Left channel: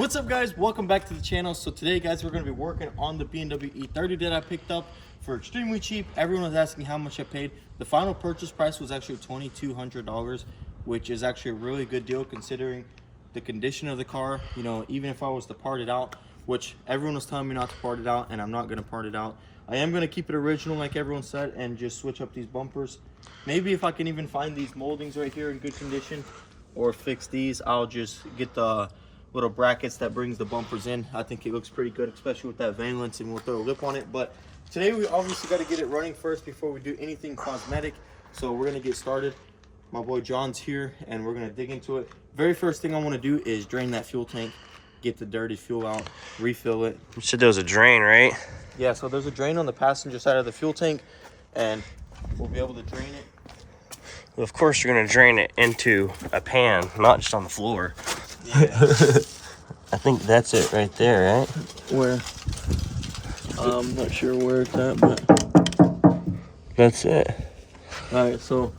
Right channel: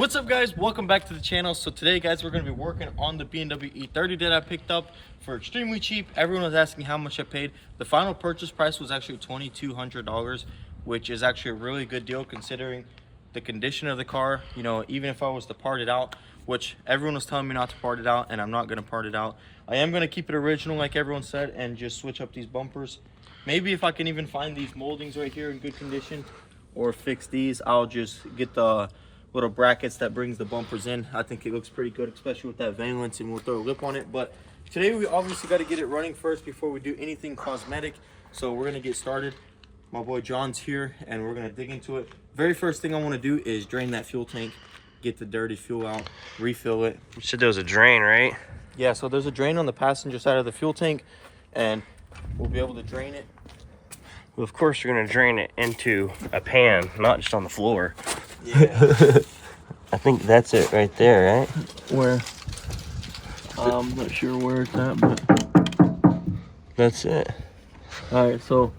What's up, guys? Welcome back to the channel. So today, guys, we're going to be working on the BMW E30 that I picked up for extremely cheap. Everyone was asking how much I paid. The final purchase price was actually $2,200, which is actually a really good deal considering the condition of the car. You know, even if I was to part it out, which everyone was telling me not to part it out, and I'm not going to part it out. I am going to keep it original like everyone said and just switch up these bumpers. Maybe if I can even find these moldings right here in good condition or fix these, I'll just get the little brackets that brings the bumpers in. I think it looks pretty good, especially with that valence, and we'll throw a lip on it. But today we obviously got to get it running first before we do anything cosmetic. So we're gonna get started. My boy John's here and we're gonna dig into it. Very first thing I want to do is drain that fuel tank, get the dirty fuel out, refill it. You said there was a drain, right? Yeah, so there's a drain on the passenger side of the fuel tank and we'll be able to drain it. Well, of course you're gonna drain it into a pan, not just on the floor. Yeah. I think that's it right there, right? Where? I'm not sure where it's at, but that's it. All right, so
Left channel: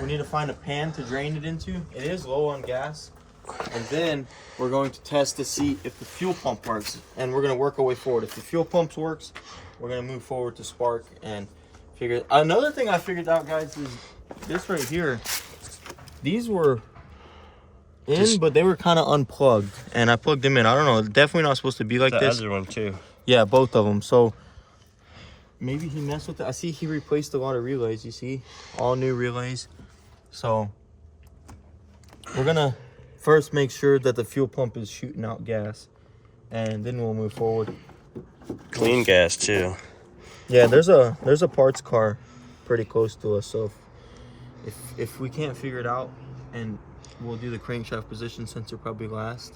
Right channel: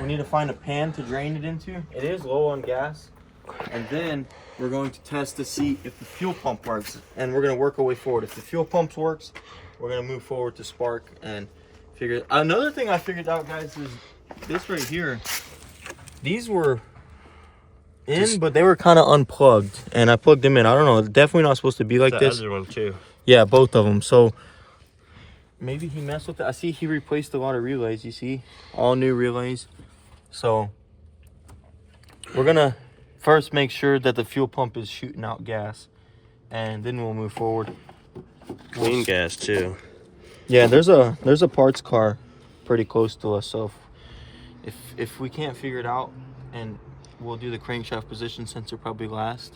we need to find a pan to drain it into. It is low on gas. And then we're going to test to see if the fuel pump works. And we're going to work our way forward. If the fuel pump works, we're going to move forward to spark and figure. Another thing I figured out, guys, is this right here. These were in, but they were kind of unplugged. And I plugged them in. I don't know. It's definitely not supposed to be like this. The other one, too. Yeah, both of them. So maybe he messed with it. I see he replaced a lot of relays, you see? All new relays. So we're gonna first make sure that the fuel pump is shooting out gas, and then we'll move forward. Clean gas too. Yeah, there's a parts car pretty close to us, so if we can't figure it out, and we'll do the crankshaft position sensor probably last.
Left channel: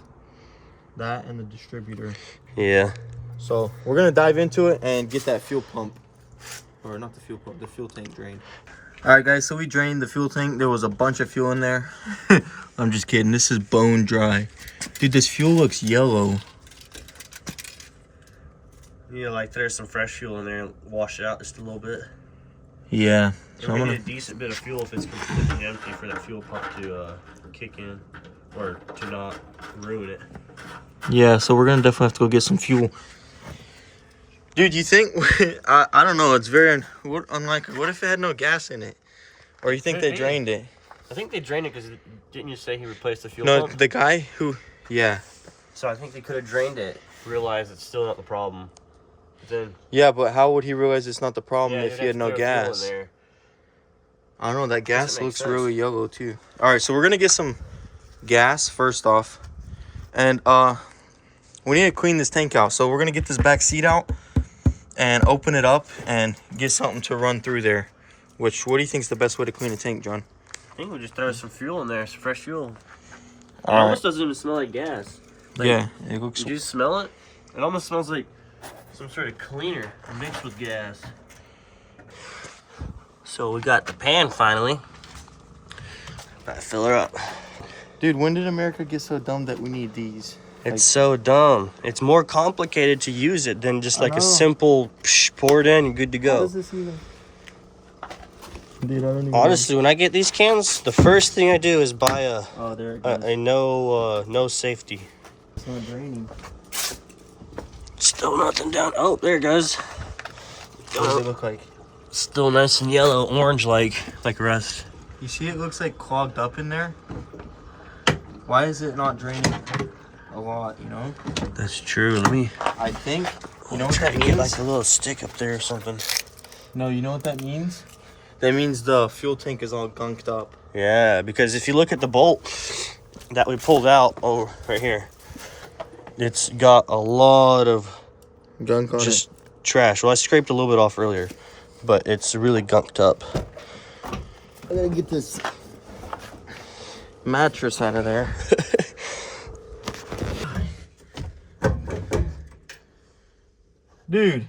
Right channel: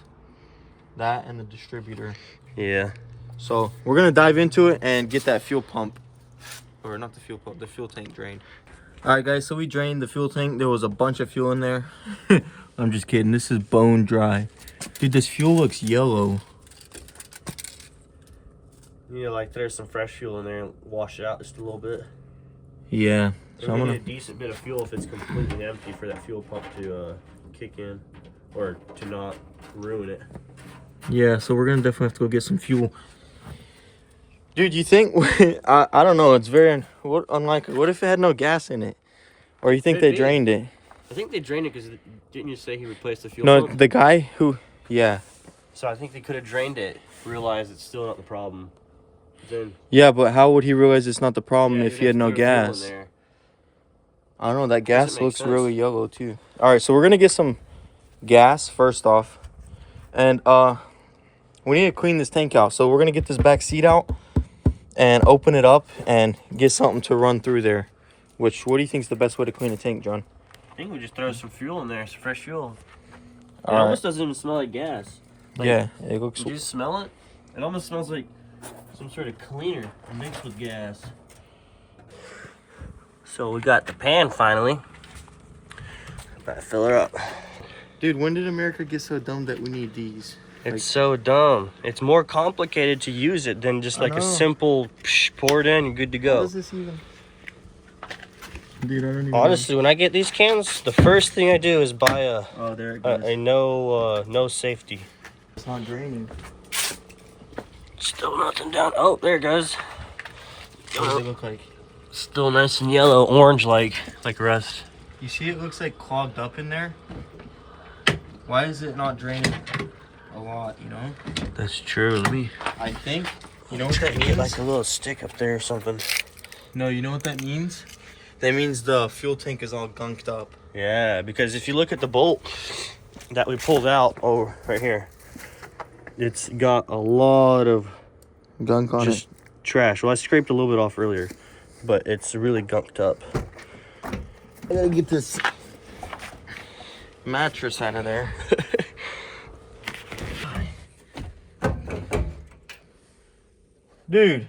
That and the distributor. Yeah. So we're gonna dive into it and get that fuel pump, or not the fuel pump, the fuel tank drained. All right, guys, so we drained the fuel tank. There was a bunch of fuel in there. I'm just kidding. This is bone dry. Dude, this fuel looks yellow. Yeah, like there's some fresh fuel in there. Wash it out just a little bit. Yeah. So I'm gonna need a decent bit of fuel if it's completely empty for that fuel pump to kick in, or to not ruin it. Yeah, so we're gonna definitely have to go get some fuel. Dude, you think, I don't know, it's very unlikely. What if it had no gas in it? Or you think they drained it? I think they drained it because, didn't you say he replaced the fuel pump? pump? No, the guy who, yeah. So I think they could have drained it, realized it's still not the problem. Then, yeah, but how would he realize it's not the problem if he had no gas? I don't know, that gas looks really yellow too. All right, so we're gonna get some gas first off. And we need to clean this tank out. So we're gonna get this back seat out and open it up and get something to run through there. What do you think is the best way to clean a tank, John? I think we just throw some fuel in there, some fresh fuel. It All almost doesn't even smell like gas. Like, yeah, it looks. Do you smell it? It almost smells like some sort of cleaner mixed with gas. So we got the pan finally. About to fill her up. Dude, when did America get so dumb that we need these? It's so dumb. It's more complicated to use it than just like a simple pour it in and good to go. How does this even? Dude, I don't even Honestly, when I get these cans, the first thing I do is buy a no safety. It's not draining. Still nothing down. Oh, there it goes. What does it look like? Still nice and yellow, orange like rust. You see, it looks like clogged up in there. Why is it not draining a lot, you know? That's true. Let me. I think. You know what that means? Get like a little stick up there or something. No, you know what that means? That means the fuel tank is all gunked up. Yeah, because if you look at the bolt that we pulled out over right here, it's got a lot of Gunk on just trash. Well, I scraped a little bit off earlier, but it's really gunked up. I gotta get this mattress out of there. Dude,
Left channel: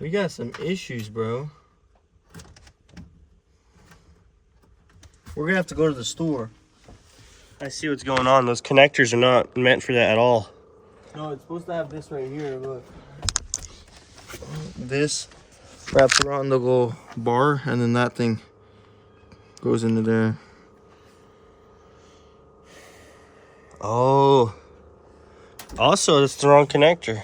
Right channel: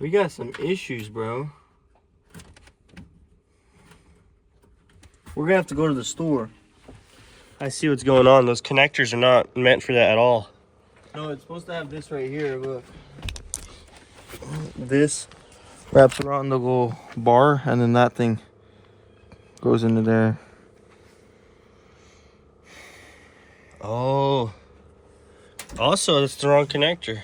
we got some issues, bro. We're gonna have to go to the store. I see what's going on. Those connectors are not meant for that at all. No, it's supposed to have this right here, look. This wraps around the little bar, and then that thing goes into there. Oh, Also, it's the wrong connector.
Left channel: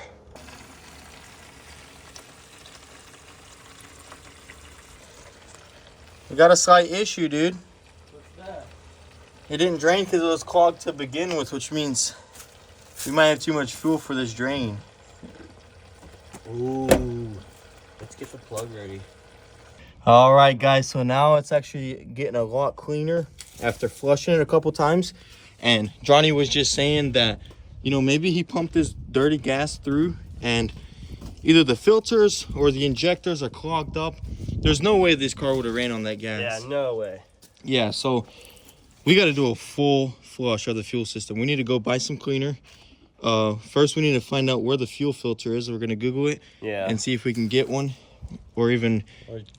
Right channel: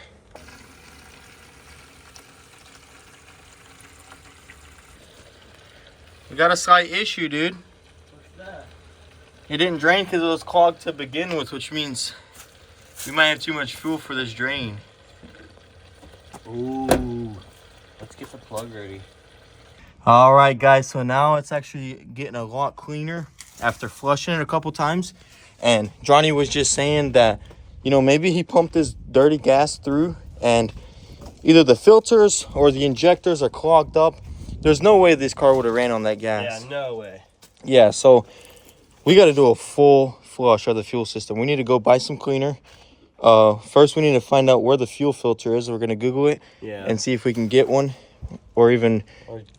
We got a slight issue, dude. What's that? It didn't drain because it was clogged to begin with, which means we might have too much fuel for this drain. Ooh. Let's get the plug ready. All right, guys. So now it's actually getting a lot cleaner after flushing it a couple times. And Johnny was just saying that, you know, maybe he pumped his dirty gas through and either the filters or the injectors are clogged up. There's no way this car would have ran on that gas. Yeah, no way. Yeah, so we got to do a full flush of the fuel system. We need to go buy some cleaner. First, we need to find out where the fuel filter is. We're going to Google it and see if we can get one or even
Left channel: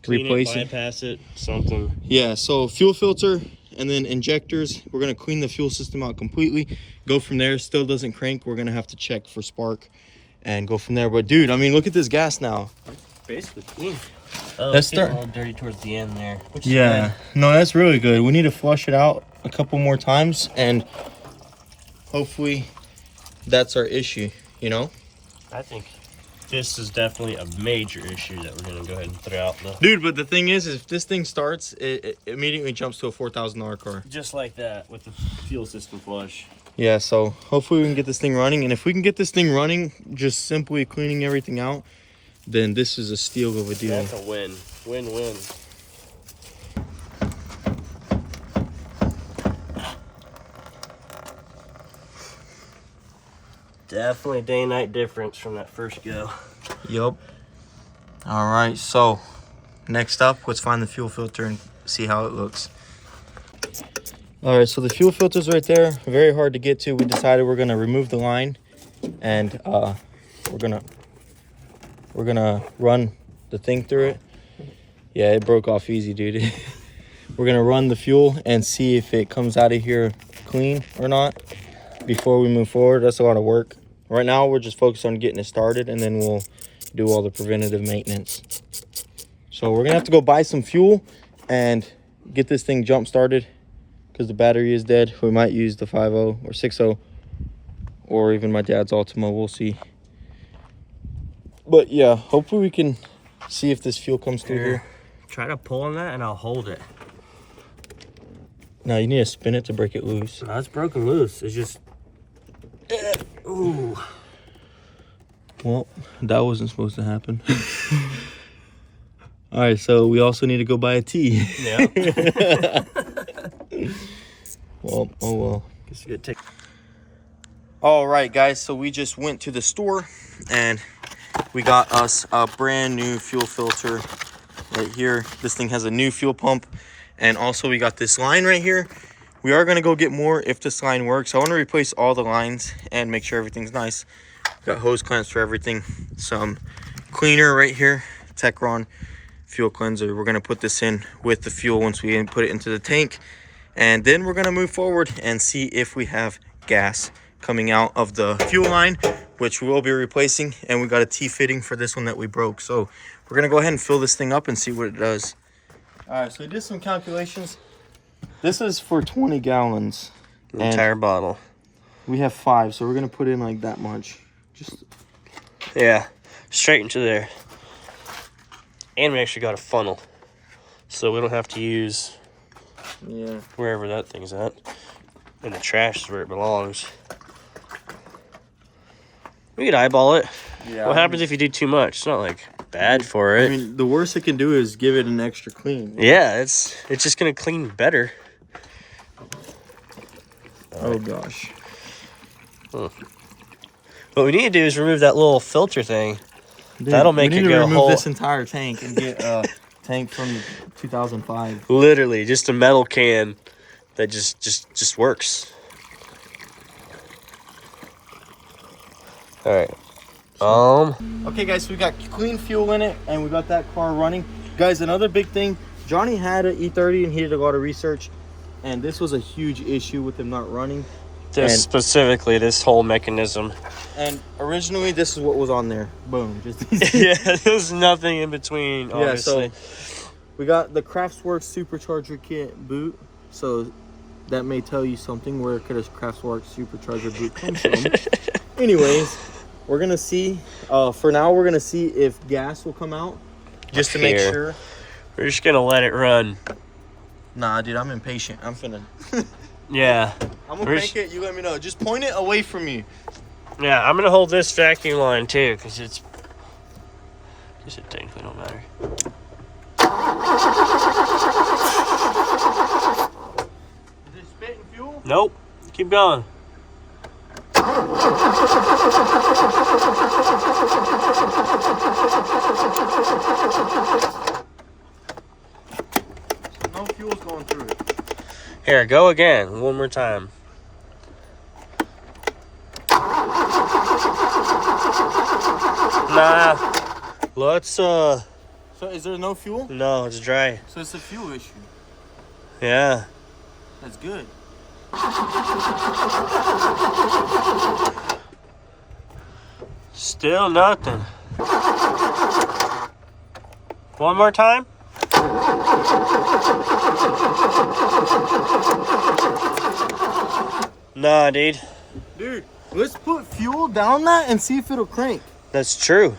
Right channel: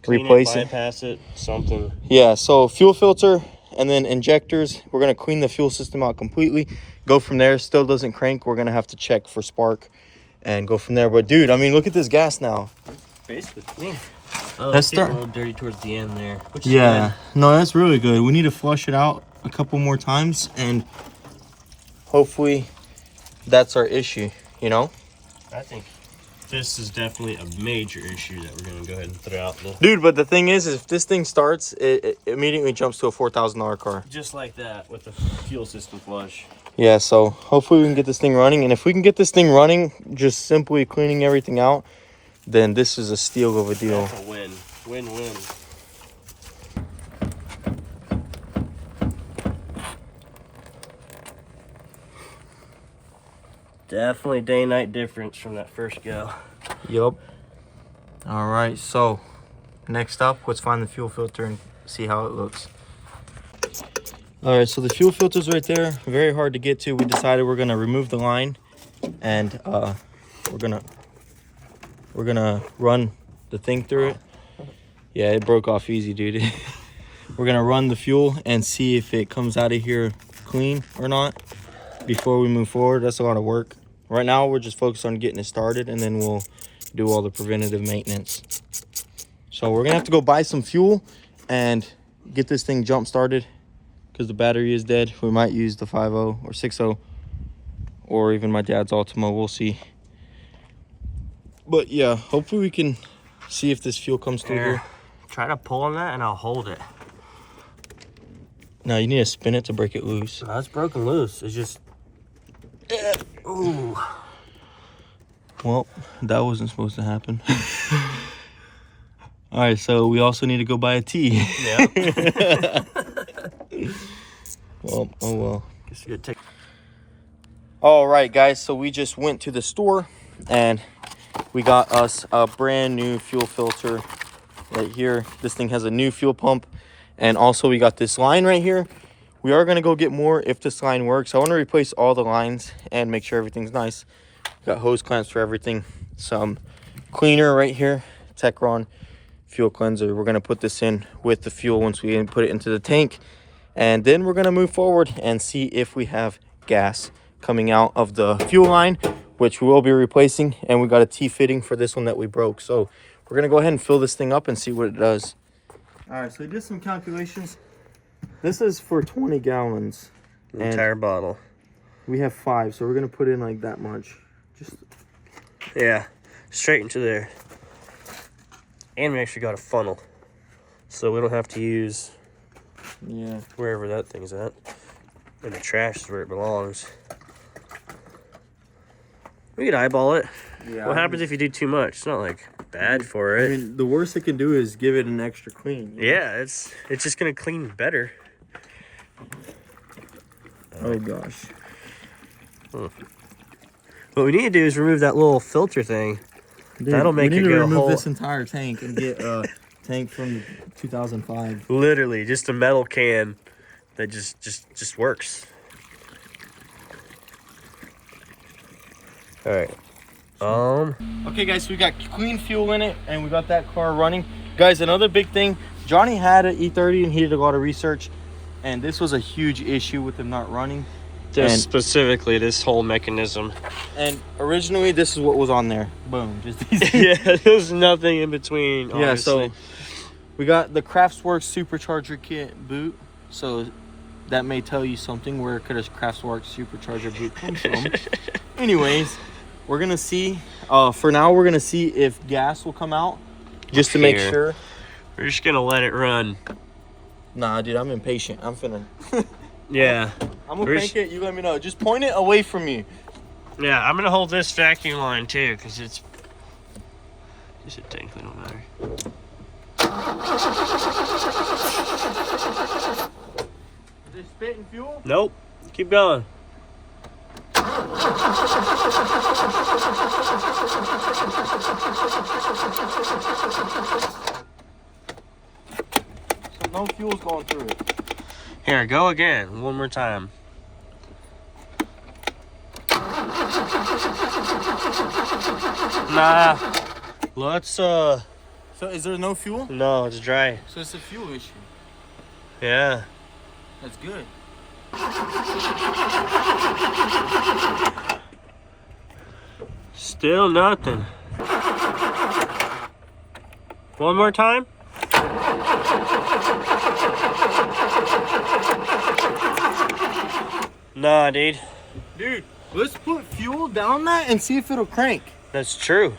replace it. Bypass it, something. Yeah, so fuel filter and then injectors. We're going to clean the fuel system out completely. Go from there. Still doesn't crank. We're going to have to check for spark and go from there. But, dude, I mean, look at this gas now. Basically clean. Oh, That's it's getting a little dirty towards the end there. Yeah, no, that's really good. We need to flush it out a couple more times, and hopefully that's our issue, you know? I think this is definitely a major issue that we're going to go ahead and throw out. Dude, but the thing is if this thing starts, it immediately jumps to a $4,000 car. Just like that with the fuel system flush. Yeah, so hopefully we can get this thing running, and if we can get this thing running, just simply cleaning everything out, then this is a steal of a deal. That's a win. Win-win. Definitely day-night difference from that first go. Yup. All right, so next up, let's find the fuel filter and see how it looks. All right, so the fuel filter's right there. Very hard to get to. We decided we're gonna remove the line, and we're gonna run the thing through it. Yeah, it broke off easy, dude. We're gonna run the fuel and see if it comes out of here clean or not before we move forward. That's a lot of work. Right now, we're just focused on getting it started, and then we'll do all the preventative maintenance. So we're gonna have to go buy some fuel and get this thing jump started because the battery is dead. We might use the 5.0 or 6.0 or even my dad's Ultima. We'll see. But yeah, hopefully we can see if this fuel comes through here. Try to pull on that and I'll hold it. No, you need to spin it to break it loose. No, it's broken loose. It's just... Ooh. Well, that wasn't supposed to happen. All right, so we also need to go buy a tea. Yeah. Well, oh well. It's a good take. All right, guys, so we just went to the store and we got us a brand new fuel filter right here. This thing has a new fuel pump, and also we got this line right here. We are gonna go get more if this line works. I want to replace all the lines and make sure everything's nice. Got hose clamps for everything. Some cleaner right here, Techron fuel cleanser. We're gonna put this in with the fuel once we put it into the tank, and then we're gonna move forward and see if we have gas coming out of the fuel line, which we will be replacing. And we got a T-fitting for this one that we broke. So we're gonna go ahead and fill this thing up and see what it does. All right, so we did some calculations. This is for 20 gallons. The entire bottle. We have 5, so we're gonna put in like that much. Just Yeah, straight into there. And we actually got a funnel, so we don't have to use wherever that thing's at. And the trash is where it belongs. We could eyeball it. Yeah. What happens if you do too much? It's not like bad for it. I mean, the worst it can do is give it an extra clean. Yeah, it's just gonna clean better. Oh gosh. Huh. What we need to do is remove that little filter thing. Dude, that'll make it go remove whole. this entire tank and get a tank from 2005. Literally, just a metal can that just works. All right. Okay, guys, so we got clean fuel in it, and we got that car running. Guys, another big thing, Johnny had an E30 and he did a lot of research, and this was a huge issue with him not running. Specifically, this whole mechanism. And originally, this is what was on there. Boom. Just Yeah, there's nothing in between, honestly. Yeah, so we got the Craftsworks supercharger kit boot. So that may tell you something. Where could a Craftsworks supercharger boot come from? Anyways, we're gonna see. For now, we're gonna see if gas will come out, just to make sure. We're just gonna let it run. Nah, dude, I'm impatient. I'm finna. Yeah. I'm gonna crank it. You let me know. Just point it away from you. Yeah, I'm gonna hold this vacuum line too, because it's. I guess it technically don't matter. Is it spitting fuel? Nope. Keep going. No fuel's going through it. Here, go again. One more time. Nah. Let's, So is there no fuel? No, it's dry. So it's a fuel issue. Yeah. That's good. Still nothing. One more time. Nah, dude. Dude, let's put fuel down that and see if it'll crank. That's true.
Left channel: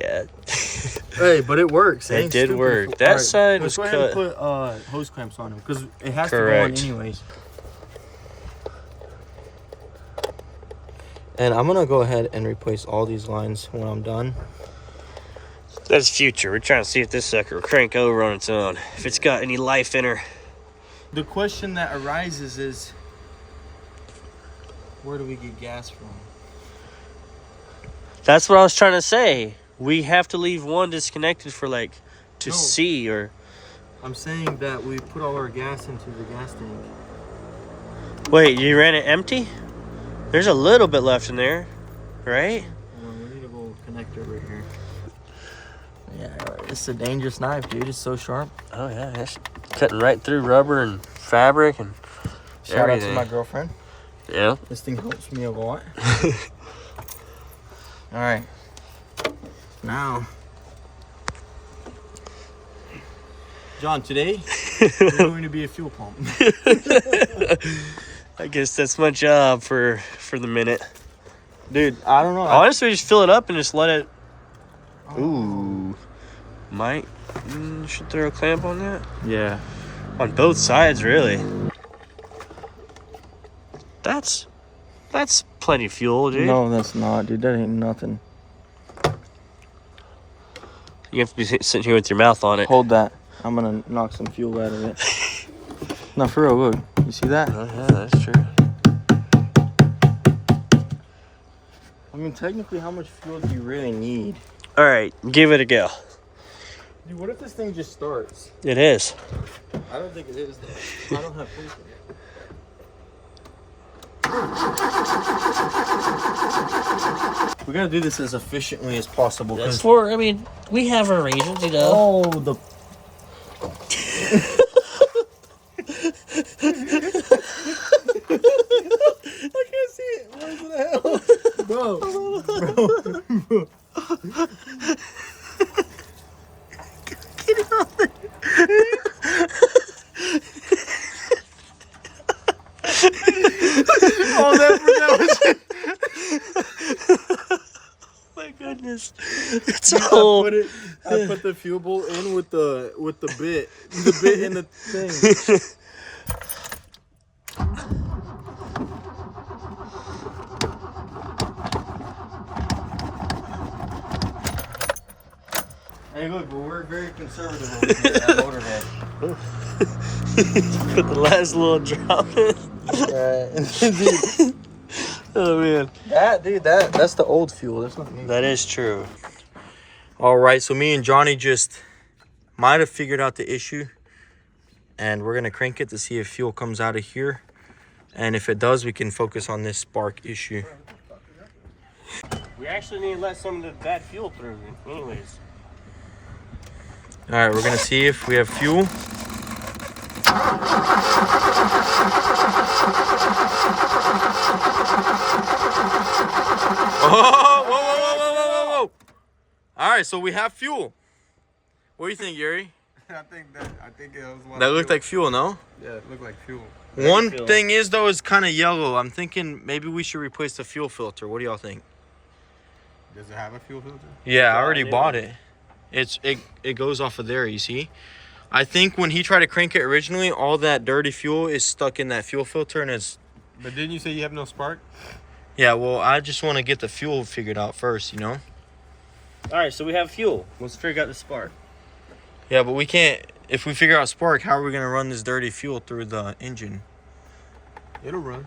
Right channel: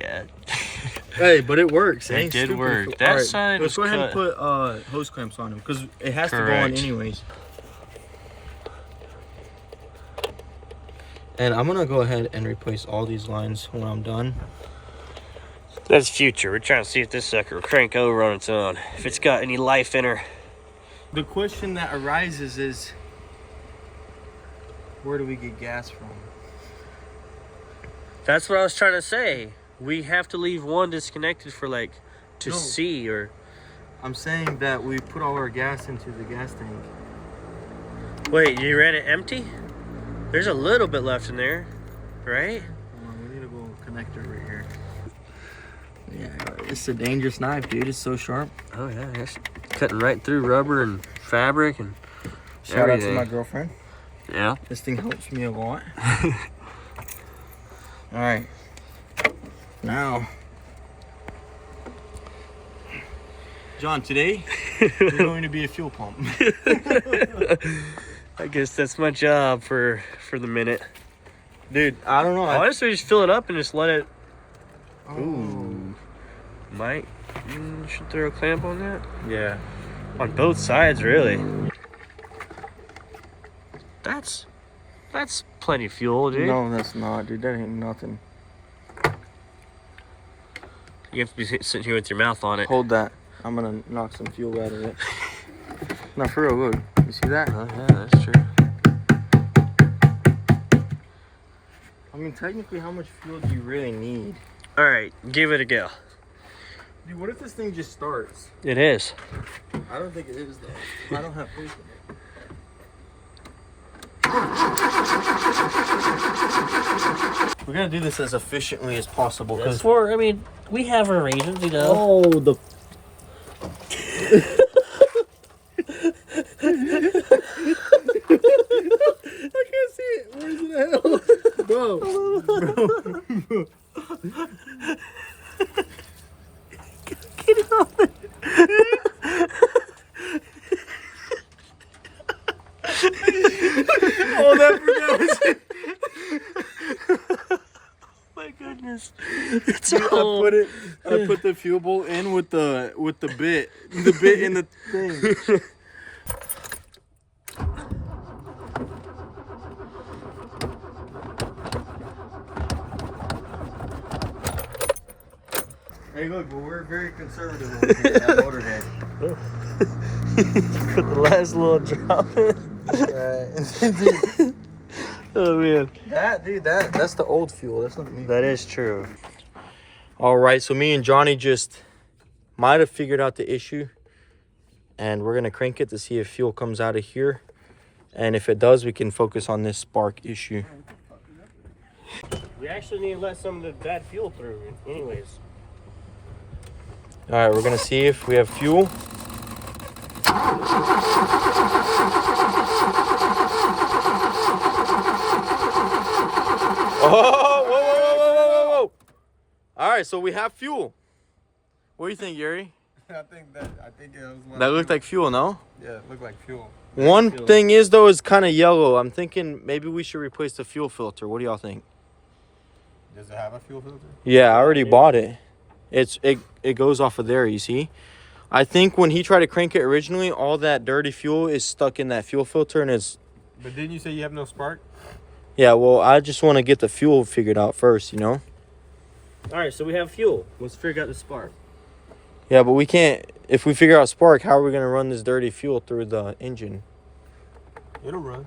Yeah. Hey, but it works. It did work. That side was cut. Let's go ahead and put hose clamps on them because it has Correct. to go on anyways. And I'm gonna go ahead and replace all these lines when I'm done. That's future. We're trying to see if this sucker will crank over on its own. If it's got any life in her. The question that arises is, where do we get gas from? That's what I was trying to say. We have to leave one disconnected for like to see, or I'm saying that we put all our gas into the gas tank. wait, you ran it empty? There's a little bit left in there, right? Well, we need a little connector right here. Yeah, it's a dangerous knife, dude. It's so sharp. Oh yeah, it's cutting right through rubber and fabric and Shout everything. out to my girlfriend. Yeah. This thing helps me a lot. All right. Now, John, today we're going to be a fuel pump. I guess that's my job for the minute. Dude, I don't know. Honestly, just fill it up and just let it. Ooh. Might. Should throw a clamp on that? Yeah. On both sides, really. That's plenty of fuel, dude. No, that's not, dude. That ain't nothing. You have to be sitting here with your mouth on it. Hold that. I'm gonna knock some fuel out of it. No, for real, look. You see that? Oh yeah, that's true. I mean, technically, how much fuel do you really need? All right, give it a go. Dude, what if this thing just starts? It is. I don't think it is, though. I don't have faith in it. We're gonna do this as efficiently as possible. I mean, we have our reasons, you know. Oh, the. I can't see it. Where's it at? Bro. Get it off there. Oh, that was. My goodness, it's all. I put the fuel bowl in with the bit in the thing. Hey, look, but we're very conservative over here at Motorhead. Put the last little drop in. Dude, Oh man, that's the old fuel. That's not me. that is true. All right, so me and Johnny just might have figured out the issue, and we're gonna crank it to see if fuel comes out of here, and if it does, we can focus on this spark issue. You actually need to let some of that fuel through, anyways. All right, we're gonna see if we have fuel. Oh, whoa. All right, so we have fuel. What do you think, Yuri? I think it was one. That looked like fuel, no? Yeah, it looked like fuel. One Fuel. thing is though, it's kind of yellow. I'm thinking maybe we should replace the fuel filter. What do y'all think? Does it have a fuel filter? Yeah, I already bought it. It goes off of there, you see? I think when he tried to crank it originally, all that dirty fuel is stuck in that fuel filter and is... But didn't you say you have no spark? Yeah, well, I just want to get the fuel figured out first, you know? All right, so we have fuel. Let's figure out the spark. Yeah, but we can't... If we figure out spark, how are we going to run this dirty fuel through the engine? It'll run.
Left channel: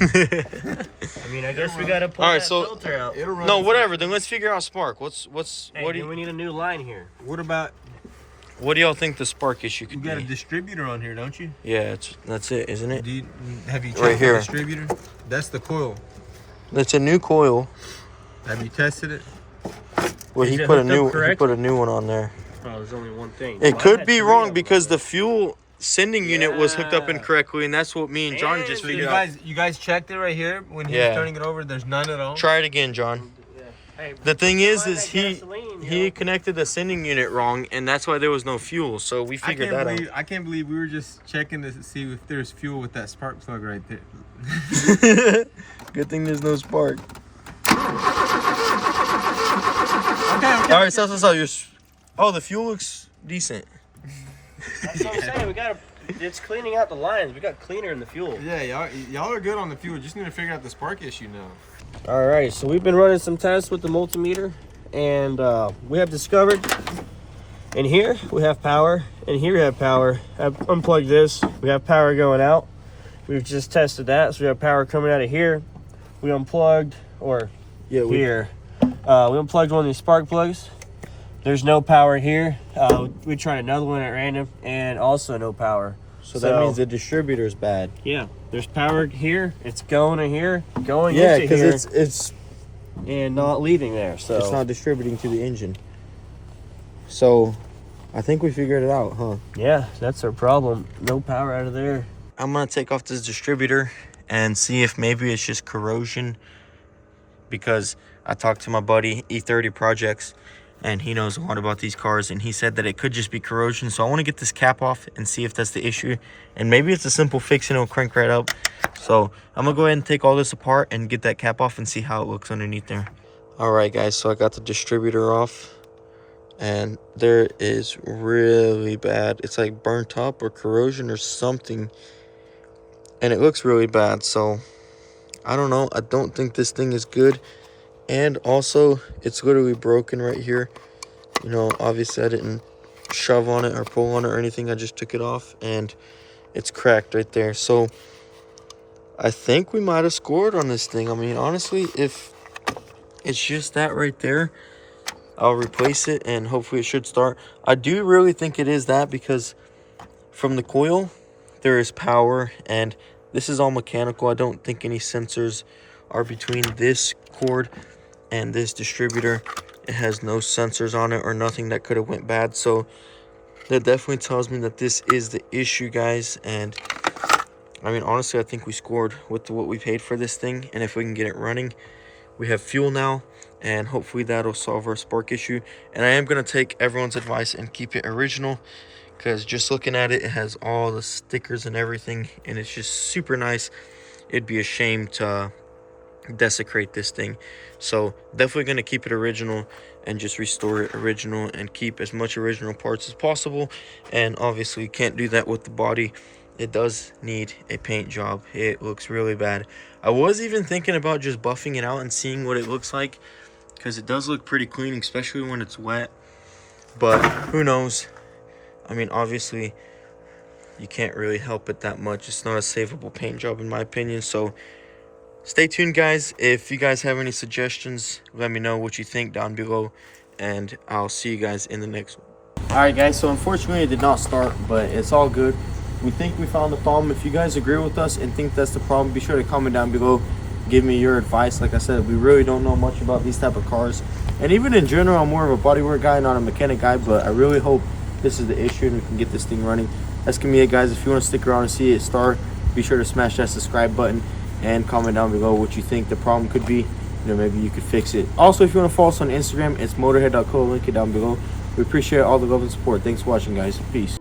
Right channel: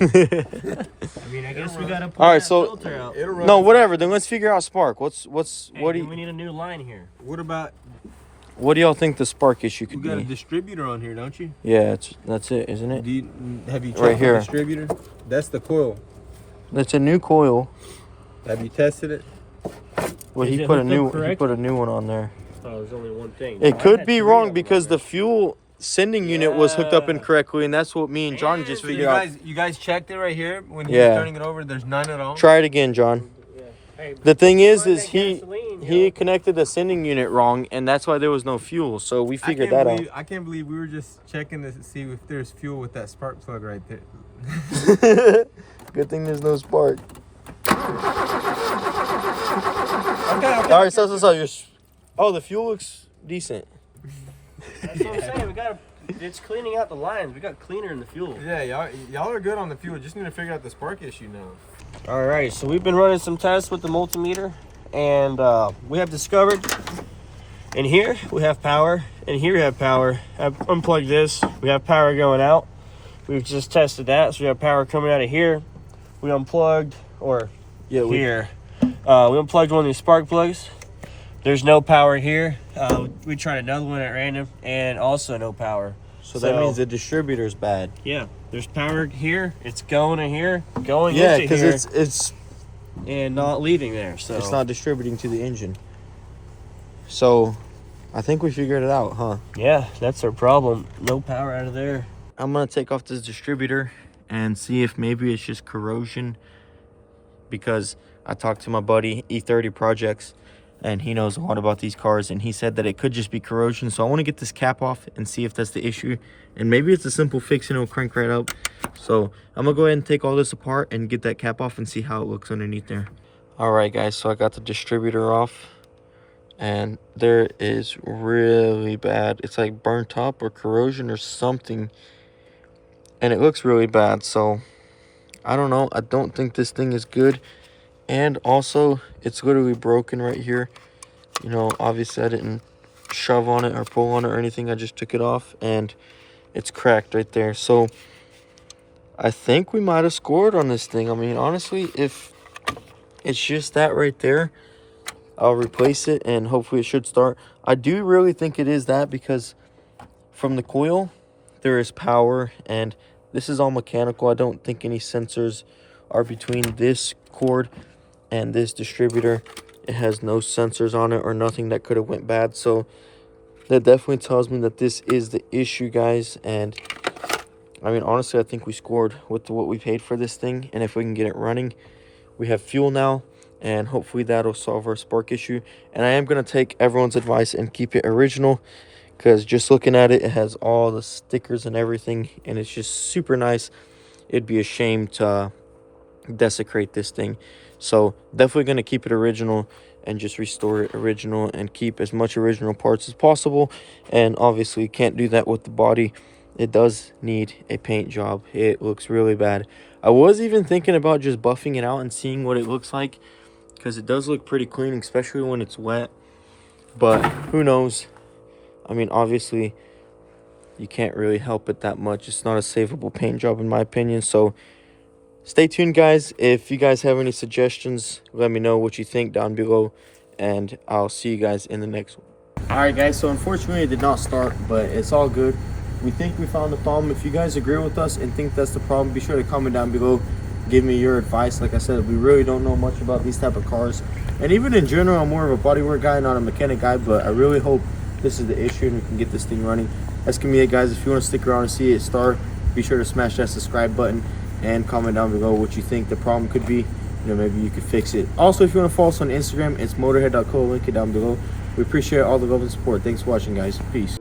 I mean, I guess we gotta pull that filter out. It'll run. No, whatever. Then let's figure out spark. Hey, What do you... we need a new line here. What about... What do y'all think the spark issue could You got a be? distributor on here, don't you? Yeah, that's it, isn't it? Have you checked Right here. the distributor? That's the coil. It's a new coil. Have you tested it? Well, Is he it put a hooked up new one on there. Oh, there's only one thing. It could be wrong because the fuel sending unit was hooked up Yeah. incorrectly, and that's what me and John just So figured out. you guys checked it right here when he Yeah. was turning it over. There's none at all. Try it again, John. Hey, The thing is find that he gasoline, you he know? connected the sending unit wrong, and that's why there was no fuel. So we figured that out. I can't believe we were just checking to see if there's fuel with that spark plug right there. Good thing there's no spark. Okay. All right, so oh, the fuel looks decent. That's what I'm saying. We gotta. It's cleaning out the lines. We got cleaner in the fuel. Yeah, y'all are good on the fuel. Just need to figure out the spark issue now. All right, so we've been running some tests with the multimeter, and we have discovered in here we have power, and here we have power. I've unplugged this. We have power going out. We've just tested that, so we have power coming out of here. We unplugged, or here. We unplugged one of these spark plugs. There's no power here. We tried another one at random, and also no power. So that means the distributor's bad. Yeah, there's power here. It's going to here, going Yeah, into because here, it's and not leaving there. So it's not distributing to the engine. So I think we figured it out, huh? yeah, that's our problem. No power out of there. I'm gonna take off this distributor and see if maybe it's just corrosion, because I talked to my buddy E30 Projects and he knows a lot about these cars, and he said that it could just be corrosion. So I want to get this cap off and see if that's the issue, and maybe it's a simple fix and it'll crank right up. So I'm gonna go ahead and take all this apart and get that cap off and see how it looks underneath there. All right guys, so I got the distributor off, and there is really bad, it's like burnt up or corrosion or something, and it looks really bad. So I don't know, I don't think this thing is good. And also it's literally broken right here. You know, obviously I didn't shove on it or pull on it or anything. I just took it off and it's cracked right there. So I think we might have scored on this thing. I mean, honestly, if it's just that right there, I'll replace it and hopefully it should start. I do really think it is that, because from the coil there is power, and this is all mechanical. I don't think any sensors are between this cord and this distributor. It has no sensors on it or nothing that could have went bad. So that definitely tells me that this is the issue, guys. And I mean, honestly, I think we scored with what we paid for this thing. And if we can get it running, we have fuel now, and hopefully that'll solve our spark issue. And I am going to take everyone's advice and keep it original, because just looking at it, it has all the stickers and everything, and it's just super nice. It'd be a shame to desecrate this thing. So definitely going to keep it original and just restore it original and keep as much original parts as possible. And obviously can't do that with the body. It does need a paint job. It looks really bad. I was even thinking about just buffing it out and seeing what it looks like, because it does look pretty clean, especially when it's wet. But who knows? I mean, obviously you can't really help it that much. It's not a savable paint job in my opinion. So stay tuned, guys. If you guys have any suggestions, let me know what you think down below, and I'll see you guys in the next one. All right, guys, so unfortunately it did not start, but it's all good. We think we found the problem. If you guys agree with us and think that's the problem, be sure to comment down below. Give me your advice. Like I said, we really don't know much about these type of cars, and even in general, I'm more of a bodywork guy, not a mechanic guy. But I really hope this is the issue and we can get this thing running. That's gonna be it, guys. If you want to stick around and see it start, be sure to smash that subscribe button and comment down below what you think the problem could be. You know, maybe you could fix it. Also, if you want to follow us on Instagram, it's motorhead.co. Link it down below. We appreciate all the love and support. Thanks for watching, guys. Peace.